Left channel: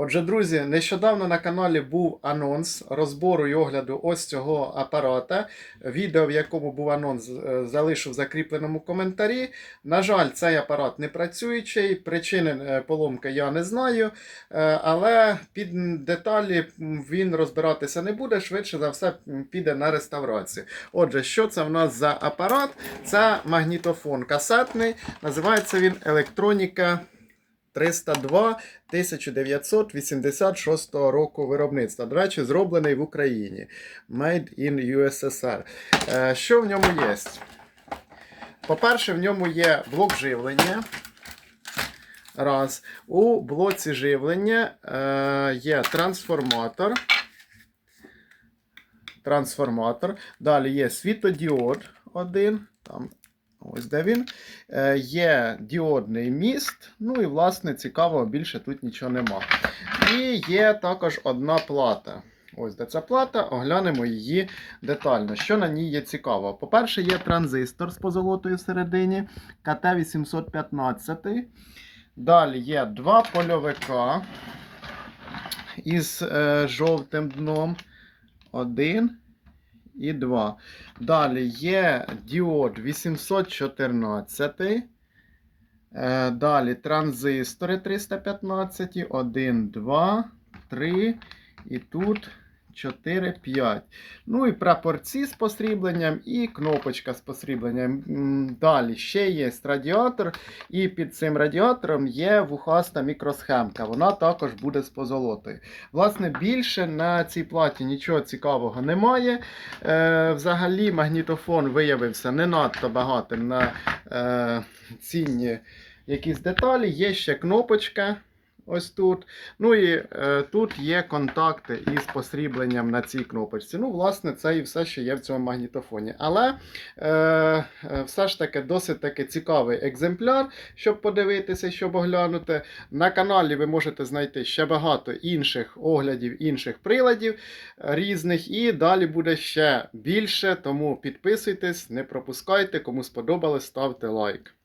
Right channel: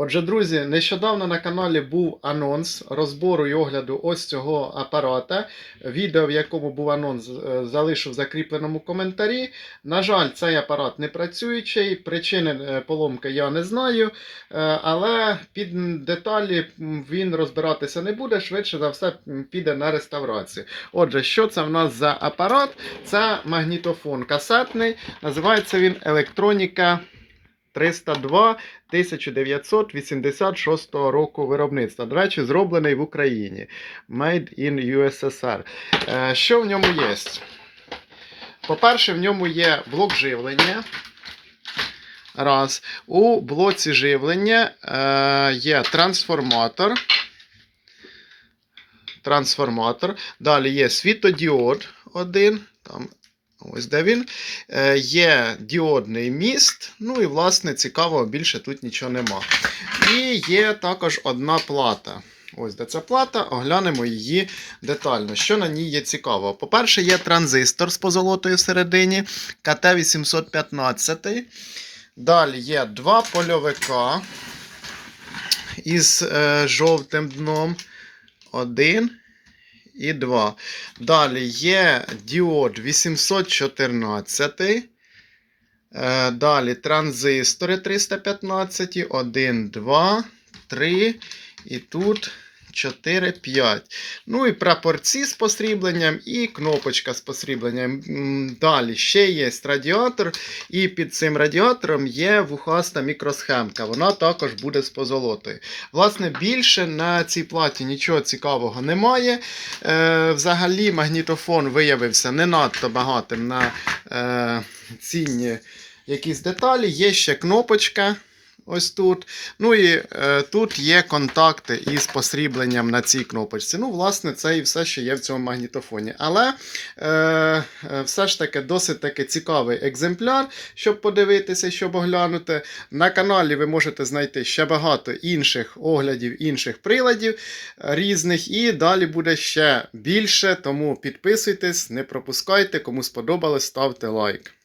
Отже, друзі, нещодавно на каналі був анонс розбору і огляду ось цього апарата. Відео, в якому був анонс, е, залишу в закріпленому коментарі. На жаль, цей апарат не працюючий. Причини е, поломки я не знаю. Е, Але під деталі він розбиратися не буде. Швидше за все піде на реставрацію. Отже, що це в нас за апарат? Це магнітофон касетний. Називається він Електроніка 302 1986 року виробництва. До речі, зроблений в Україні. Made in USSR. Е, Що в ньому є? По-перше, в ньому є блок живлення. Раз. У блоці живлення е, є трансформатор. Трансформатор. Далі є світодіод один. Там Ось де він. Е, є діодний міст. Ну і, власне, цікавого більше тут нічого нема. І є також одна плата. Ось де ця плата, оглянемо її детально. Що на ній є цікаво? По-перше, є транзистор з позолотою всередині КТ-815. Далі є два польовика із е, жовтим дном. Один і 2. Далі є діод 814. Е, Далі транзистори 315, 1, 2, 3. І тут 4, 5. Ну і прапорці з посрібленням, і кнопочка з посрібленням. Далі ще є радіатор, і під цим радіатором є вухаста мікросхемка. Вона також буде з позолотою. Власне, більше на цій платі нічого цікавого немає. Е, взагалі, магнітофон виявився не надто багатим на е, цінні якісь деталі. Є ще кнопочка. Ось тут. Ну і е, тут є контакти із посрібленням на цій кнопочці. Ну, власне, це і все, що є в цьому магнітофоні. Але е, е, все ж таки досить таки цікавий екземпляр, щоб подивитися, щоб оглянути. На каналі ви можете знайти ще багато інших оглядів, інших приладів е, різних. І далі буде ще більше. Тому підписуйтесь, не пропускайте. Кому сподобалось, ставте лайк.